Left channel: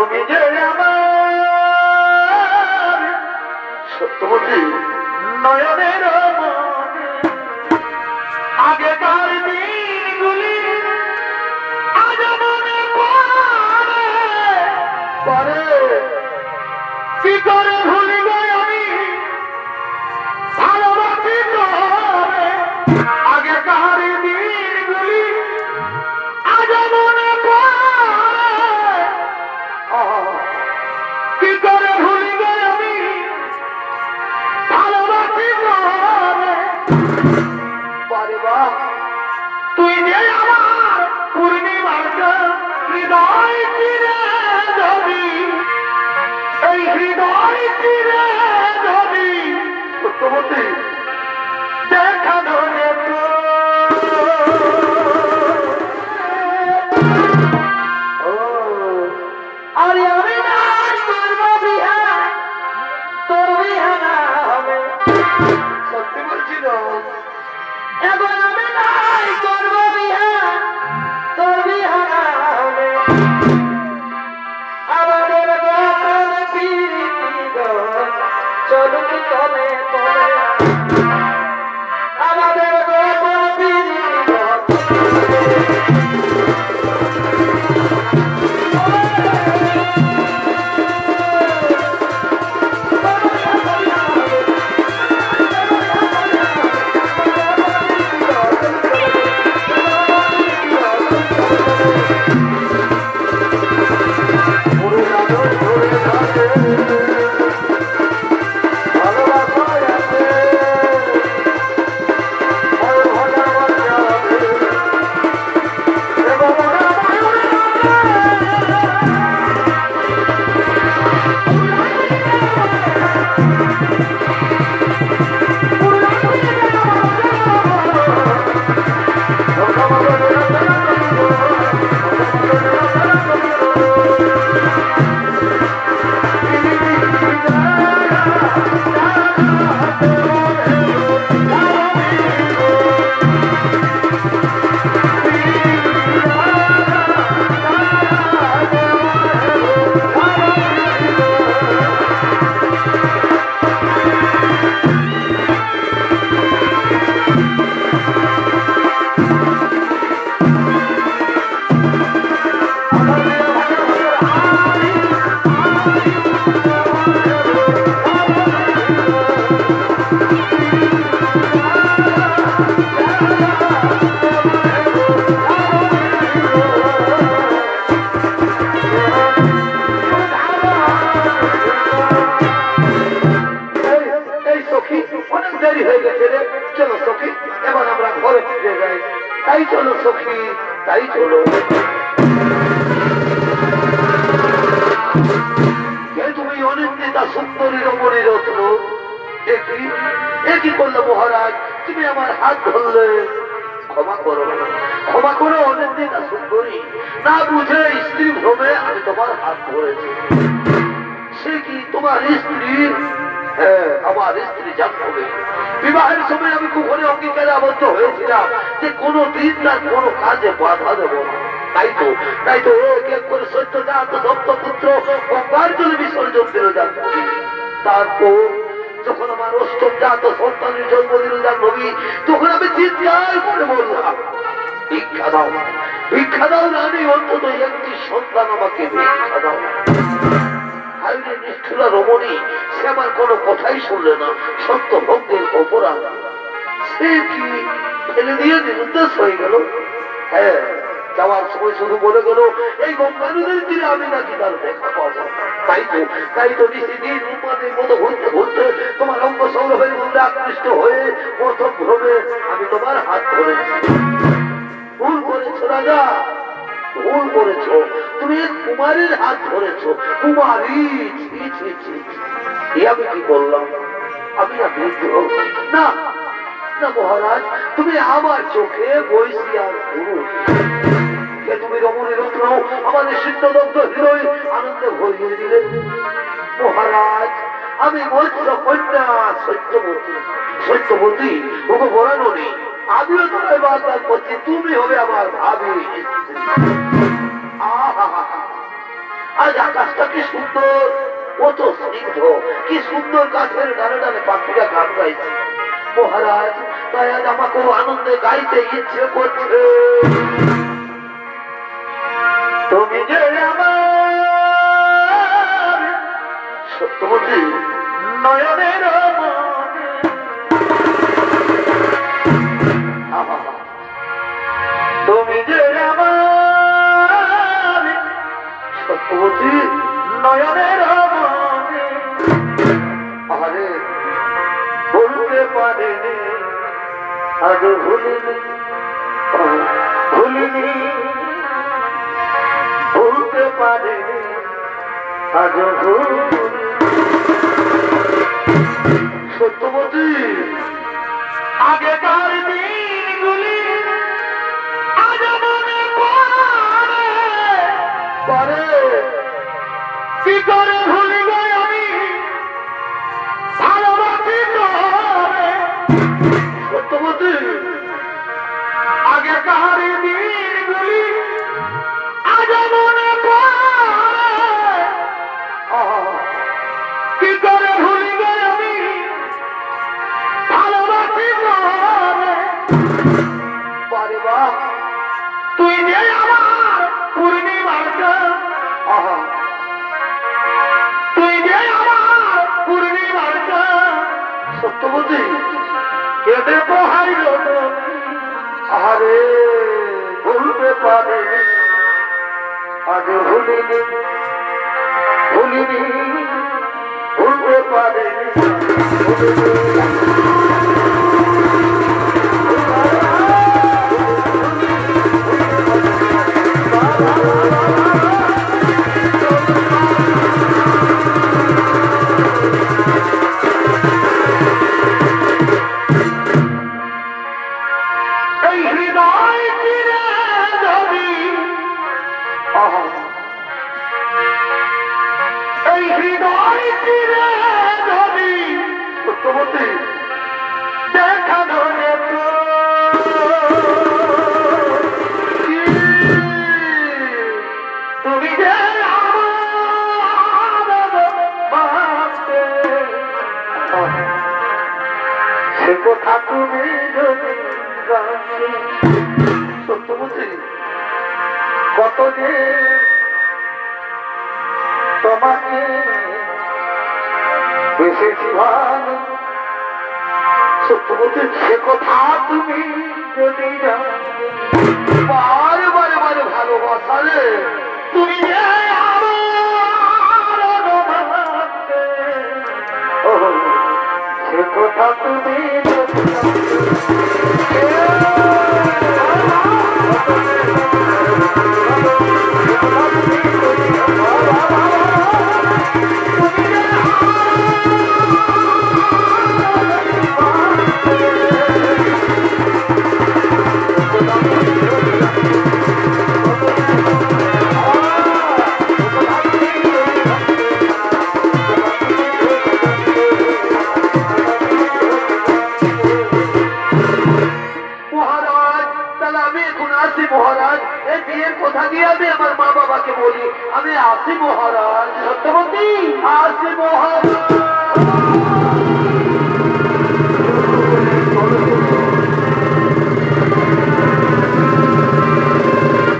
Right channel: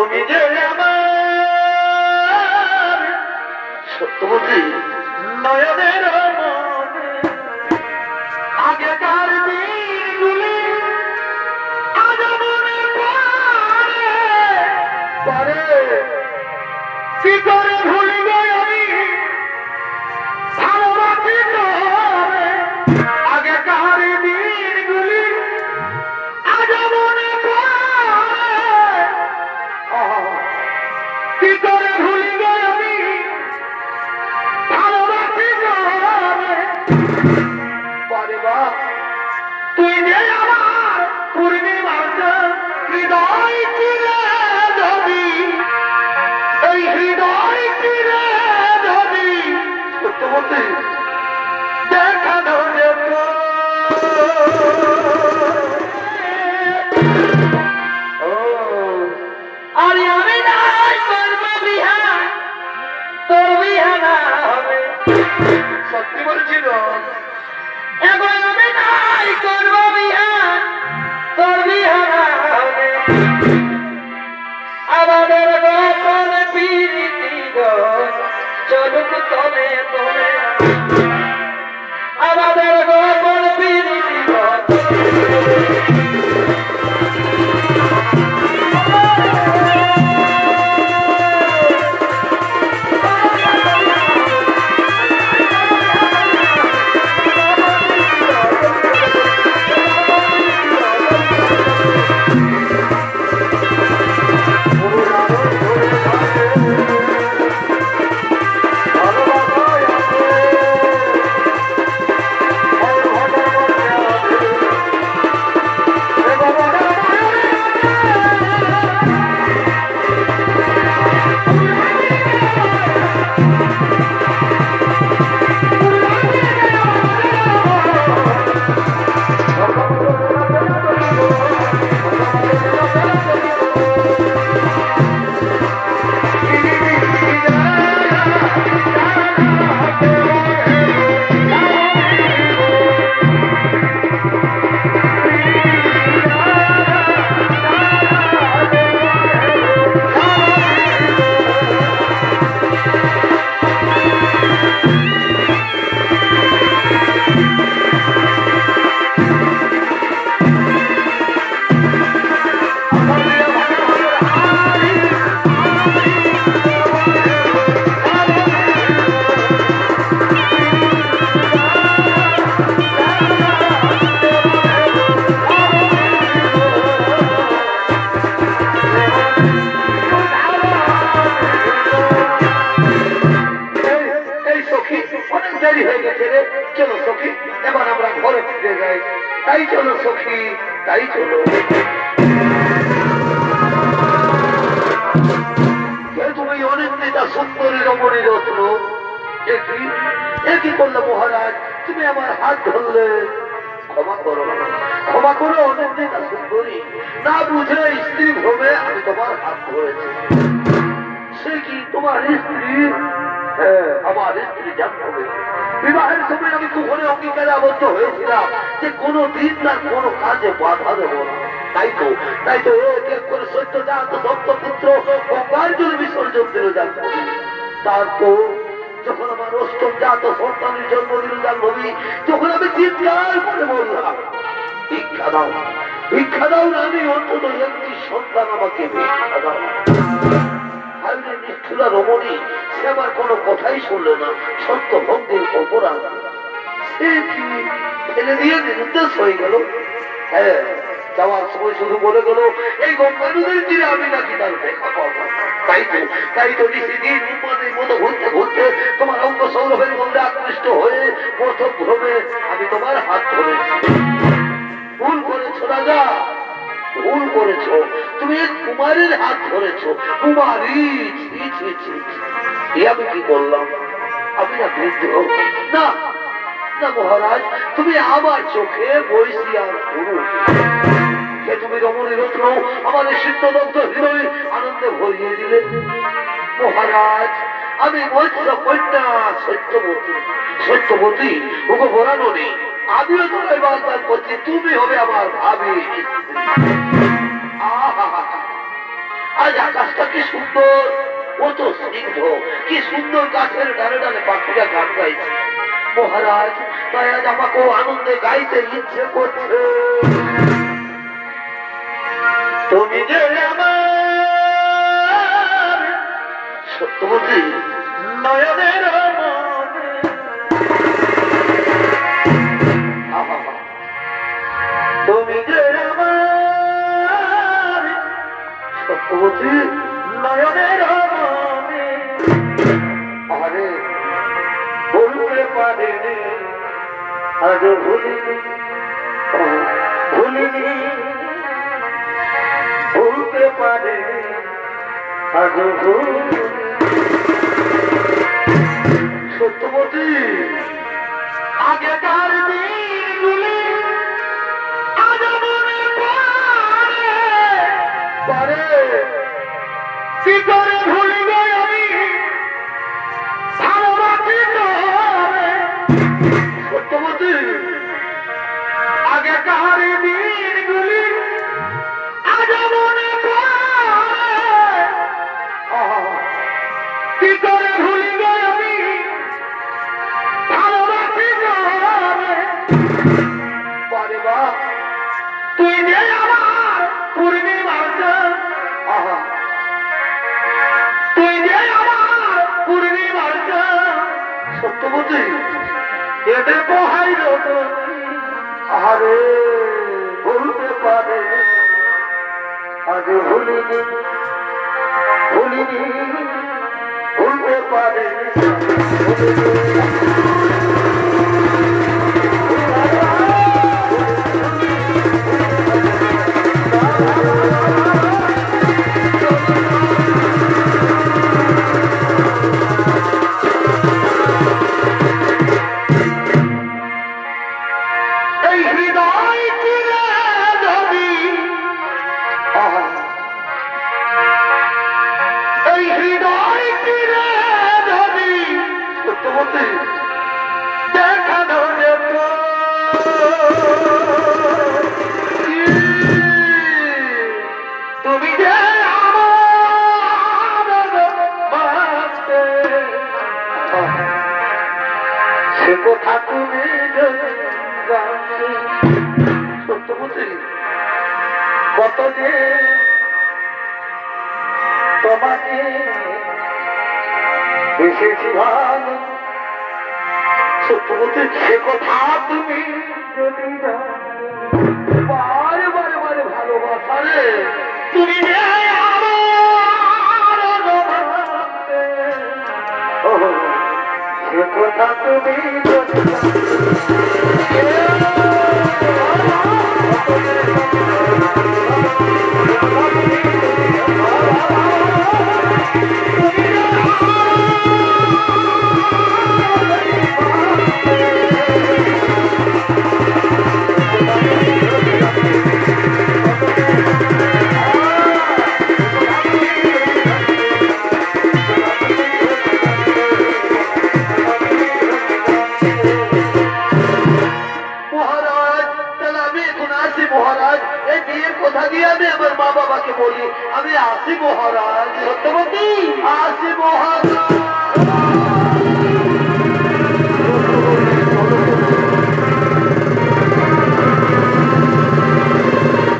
তুমি যে আমার সত্যবতী নয়নের মনে আগেকার দিনগুলি আজ মনে পড়ে কি করে ভুলে আমি ভালোবাসি তোরে আগেকার দিনগুলি আজ মনে পড়ে কি করে ভুলে আমি ভালোবাসি তোরে পরে বাপ তুই যে আমার পূর্ণিমার হৃদয় চিরে যাবি এই হৃদয় চিরে যাবি সত্যবতী দেখা ধরে আরে আমি নাই করব বিহা তোর বিহা না হবে সত্যি বলছি না এখন আমি নাই করব বিহা তোর বিহা না হবে আমাদের গোপন প্রীতি গো চলুক তলে তলে আমাদের গোপন প্রীতি গো তাই চলো সখী তাই চলো তুমি অনেক নেতা সুন্দরী রমণী রত্ন একই করলো মহারাজ তুমি আমার হাত ধরলে ক্ষমা করো অনেক নেতা সুন্দরী না বুঝে স্ত্রী ভ্রমে আমি তোমার হাত ধরেছি সে কি তোমার স্ত্রী আমার স্ত্রী জানবে বিবাহের সময় আমি কুকুরে অঙ্গীকারে আবদ্ধ হয়েছিলাম যে কোনো দিন তার কোনো কাজে বাধা দেব না তাই তো এক এক করে সত্যজাত দত্তপুত্র গঙ্গার জলে বিসর্জন দিলে যাচ্ছে তারপর যখন আমার অষ্টম জাত সন্তানের জন্ম দিলে জানবি তখন আমি চিৎকার করে বললাম ভিক্ষা দাও না আমি অন্তত একটি সন্তান আমাকে ভিক্ষা দাও নিষ্ঠুরা রমণী সে আমার কোনো কথাই শুনলে না সত্য ভক্তের অপরাধ সে কি ফেলে দিয়ে নিরুদ্দেশ হয়ে গেল হ্যাঁ যাওয়ার সময় শুধু বলে গেল এই গঙ্গা নদীর তীরে আমি নাকি তার দেখা পাবো তাই তো নিশিদিন উন্মাদের মতো ঘুরতে ঘুরতে তোমার অঙ্গ সৌরভের মধ্যে আকৃষ্ট হয়ে প্রথম ভ্রমে আমি তোমার হাত ধরেছি ভুল করেছো রাজা ভুল করেছো তুমি এক কুমারীর হাত ধরেছো কুমারী আমি কি করলাম আমি না বৃদ্ধ না না মহারাজ তুমি আমার চোখে বৈশী আর পুরুষ তুমি রমণী রত্ন আমাদের সিদ্ধদগ্ধ হৃদয় আনন্দে ভরিয়ে দিলে মহারাজ আমি মৎস্য কন্যা সত্যবতী ওকে বলানো নেই আমিও তো এবার তার প্রতি তুমি হবে আমার ভাবি আজ আকাশটা কি সুন্দর, কত স্নিগ্ধ, কি সুন্দর গাছের ডালে ডালে পাখিরা গান গাইছে। মহারাজ, তাই আজ আমাকেও আনন্দে গাইতে ইচ্ছে করছে। তুমি যে আমার সত্যবতী নয়নের মনে, তুমি যে আমার সত্যবতী নয়নের মনে, আরে বলতে পারে আগে ভুলিনি, ভুলিনি, ভুলতে পারে আগে ভুলিনি। সত্যবতী, আগে তার দিনগুলি আজ মনে পড়ে, কি করে ভুলি গে আমি ভালোবাসি তোরে। সত্যবতী, আগে কার দিনগুলি আজ মনে পড়ে, কি করে ভুলি গে আমি ভালোবাসি তোরে। বারে বাপ, তুই যে আমার পূর্ণিমার চাঁদ, তুই যে আমার পূর্ণিমার চাঁদ। সত্যবতী, কেটে পোহাই আরে ভুলতে পারে আগে ভুলিনি, ভুলিনি, ভুলতে পারে এই হৃদয় চিরে ধরি, এই হৃদয় চিরে ধরি। সত্যবতী, দেখা ধরে তুমি যে সে কথা তুমি যদি সত্যবতী, কত যে তোমাকে বেশি ভালো। সত্যবতী, সে কথা তুমি যদি বারে বারে বারে ভালোবাসা রে, তুমি যে সে কথা তুমি মহারাজ, এই বিয়ের কথা দিয়ে আমি আমার মা বাবাকে বলি আমি আসি মহারাজ। সত্যবতী, আসি মহারাজ।